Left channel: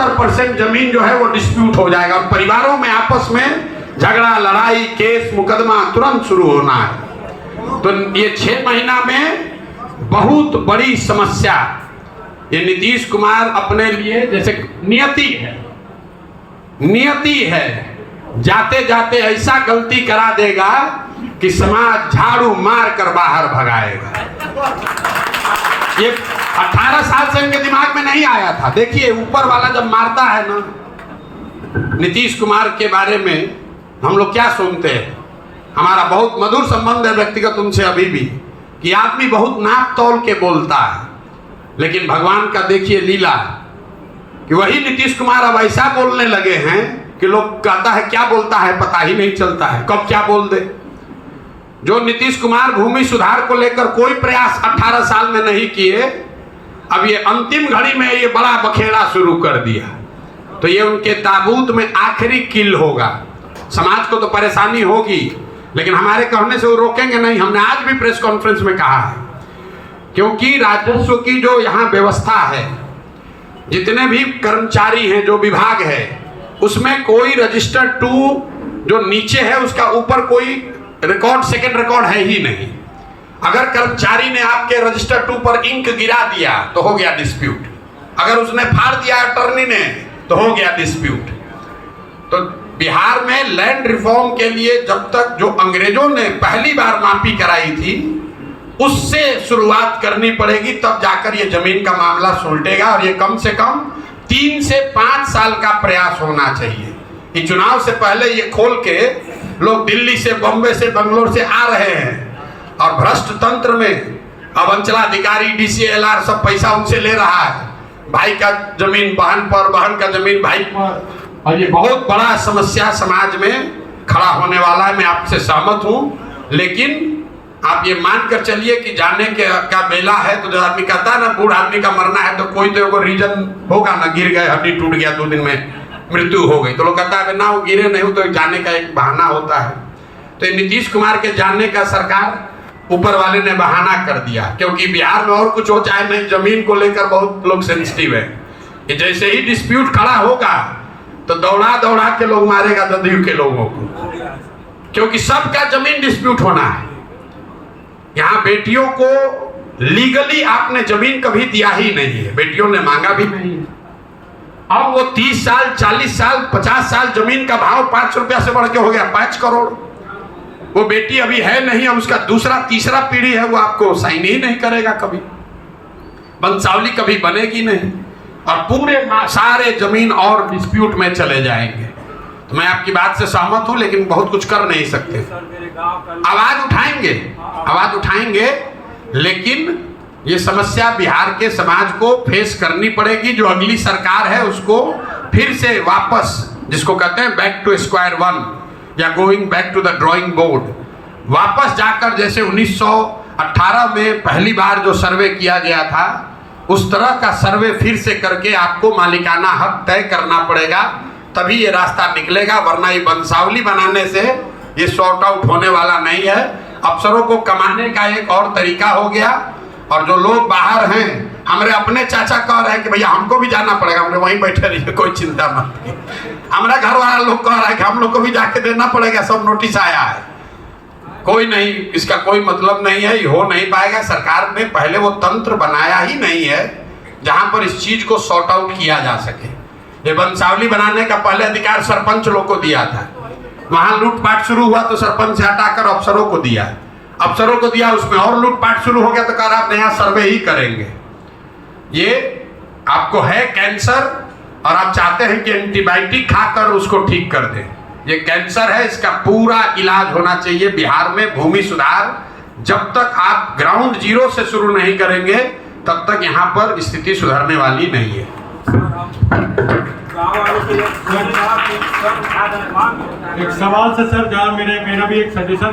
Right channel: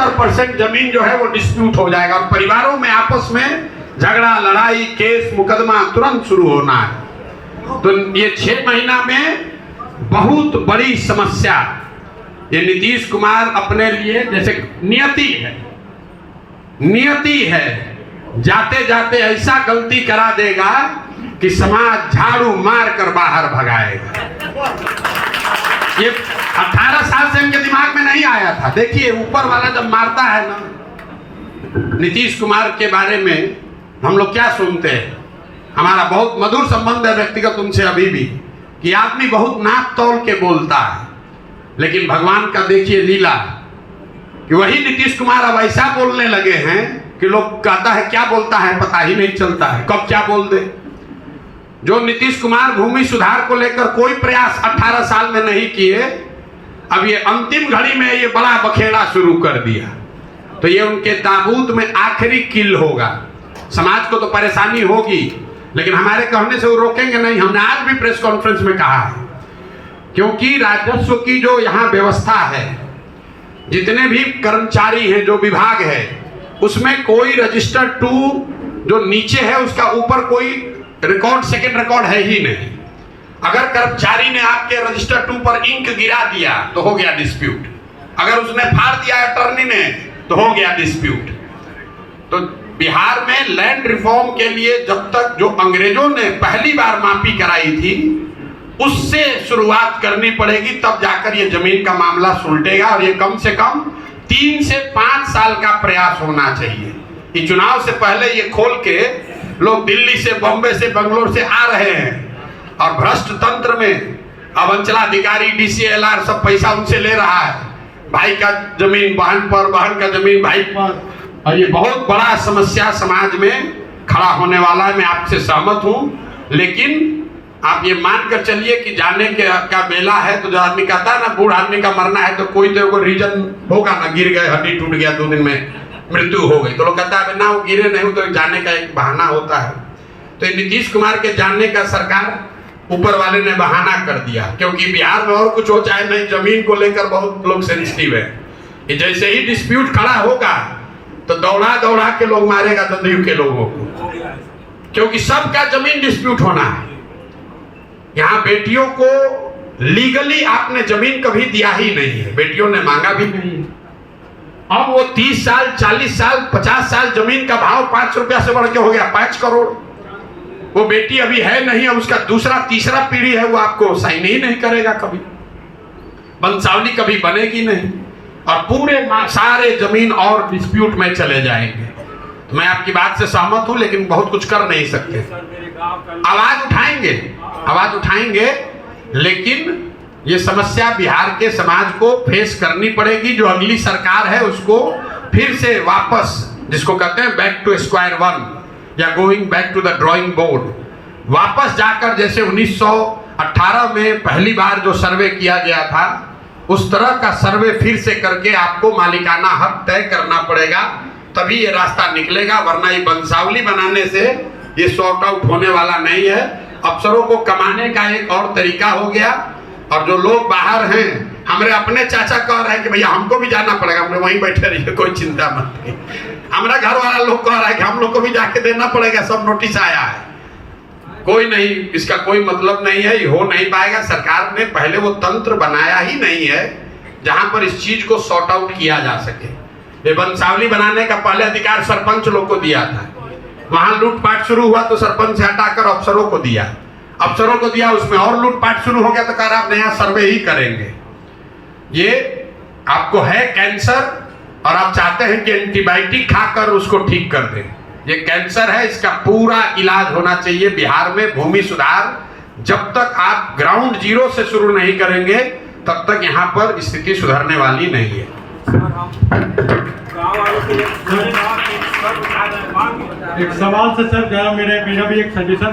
70% जमीन जो है वो डिस्प्यूट हो जाएगा और परिवारों में आपस में झगड़ा, लड़ाई, केस, मुकदमा तुरंत शुरू होना है। तो ये 6 महीना में बहुत बड़ी समस्या ये नीतीश कुमार अपने लिए, जैसे नियति है, जाते जाते ऐसा गलती करा देगा कि समाज झाड़ू मार कर बाहर भगाएगा। ये 18 साल से इनके दिमाग में नहीं आया था। देखिए ऊपर वाला जब मारता है ना, नीतीश कुमार के बारे में हम लोग क्या सुनते हैं, हमारा बहुत मधुर संबंध है व्यक्तिगत उनसे अभी भी, कि आदमी बहुत नाप तौल के बोलता है, लेकिन भगवान का देखिए लीला कि वही नीतीश कुमार अब ऐसा बोलने लगे हैं कि लोग कहता है क्या बोलता है पता ही नहीं चलता है, कब क्या बोल दे। जो नीतीश कुमार भूमि सुधार को लेकर कोई प्रयास 18 साल में नहीं किए, अब ये अंतिम घड़ी में ये बड़ा बखेड़ा शुरू कर दिया, तो ये उनके ताबूत में आखिरी किल होगा। समाज को तो परेशानी होगी, लेकिन हमारे कहने से वो रोकेंगे नहीं। हमने आज भी प्रेस कॉन्फ्रेंस में कहा है, क्योंकि राजस्व की जो यहाँ व्यवस्था है, जितने भी कर्मचारी हैं, जो विभाग है, उसमें कोई रजिस्टर 2 जो नीचे है उसका ऊपर कोई रिकॉर्ड, सेकंड रिकॉर्ड है ही नहीं। अगर कर्मचारी ने आपके रजिस्टर 2 पर इंक गिरा दिया तो हो गया डिस्प्यूट, अगर उसने फाड़ दिया अटॉर्नी ने तो हो गया डिस्प्यूट। तो बिहार में लैंड रिफॉर्म के लिए जब तक जो अंग्रेजों ने पहली बार मापी कराई थी उससे शुरुआत करनी पड़ेगी, तब जाकर ये जमीन का मामला सुलटेगा। और ये कम से कम 3 से 5 साल का प्रयास होना चाहिए। ये चुनाव से पहले ये खोल के लोग दिल्ली से, बॉम्बे से, बंगलोर से आ रहे हैं और भ्रष्ट तंत्र में अब अंचलाधिकारी, DCLR सब पैसा उनसे ले रहा है, भाई का जमीन बहन पर, बहन का जमीन भाई पर, और ये बहुत बड़ा समस्या समाज में खड़ा होने वाला है। मैं आपसे सहमत हूँ, लेकिन आप ये मान कर चलिए कि जाने के क्या बेला है। तो जो आदमी कहता है ना, बूढ़ आदमी का मरना है तो कोई तो रीजन होगा ना, गिर गए, हड्डी टूट गया, 2 दिन में मृत्यु हो गई, तो लोग कहता है ना वो गिरे नहीं हो, तो जाने का एक बहाना होता है। तो नीतीश कुमार के जानने का सरकार ऊपर वाले ने बहाना कर दिया, क्योंकि बिहार में और कुछ हो चाहे नहीं, जमीन को लेकर बहुत लोग सेंसिटिव है। कि जैसे ही डिस्प्यूट खड़ा होगा तो दौड़ा दौड़ा के लोग मारेगा जदयू के लोगों को, क्योंकि सबका जमीन डिस्प्यूट होना है। यहाँ बेटियों को लीगली आपने जमीन कभी दिया ही नहीं है, बेटियों ने मांगा भी नहीं है। अब वो 30 साल, 40 साल, 50 साल जमीन का भाव 5 रुपया से बढ़ के हो गया 5 करोड़। वो बेटी अभी है नहीं, अब उसका दूसरा तीसरा पीढ़ी है, वो आपको साइन ही नहीं करेगा, कभी वंशावली कभी बनेगी नहीं, और पूरे सारे जमीन और डिस्प्यूट में चले जाएंगे। तो मैं आपकी बात से सहमत हूं, लेकिन बहुत कुछ कर नहीं सकते। आवाज उठाएंगे, लेकिन ये समस्या बिहार के समाज को फेस करनी पड़ेगी। जो अगली सरकार है उसको फिर से वापस, जिसको कहते हैं बैक टू स्क्वायर 1 या going back to the drawing board, वापस जाकर जैसे 1918 में पहली बार जो सर्वे किया गया था, उस तरह का सर्वे फिर से करके आपको मालिकाना हक तय करना पड़ेगा, तभी ये रास्ता निकलेगा। वरना ये वंशावली बनाने से ये सॉर्ट आउट होने वाला नहीं है। अफसरों को कमाने का एक और तरीका हो गया, और जो लोग बाहर हैं, हमारे अपने चाचा कह रहे हैं कि भैया हमको भी जाना पड़ेगा, हमने वहीं बैठे रहिए, कोई चिंता मत। हमारा घर वाला लोग कह रहा है कि हम लोग को भी जाके देना पड़ेगा, सब नोटिस आया है। कोई नहीं, इसका कोई मतलब नहीं है, ये हो नहीं पाएगा। सरकार ने पहले वो तंत्र बनाया ही नहीं है जहां पर इस चीज को सॉर्ट आउट किया जा सके। ये वंशावली बनाने का पहले अधिकार सरपंच लोग को दिया था, वहां लूटपाट शुरू हुआ तो सरपंच से हटाकर अफसरों को दिया, उसमें और लूटपाट शुरू हो गया तो कहा आप नया सर्वे ही करेंगे। ये आपको है कैंसर और आप चाहते हैं कि एंटीबायोटिक खाकर उसको ठीक कर दें। ये कैंसर है, इसका पूरा इलाज होना चाहिए बिहार में। भूमि सुधार जब तक आप ग्राउंड जीरो से शुरू नहीं करेंगे तब तक यहाँ पर स्थिति सुधरने वाली नहीं है। एक सवाल से सर, जहाँ मेरा भी एक सजेशन था।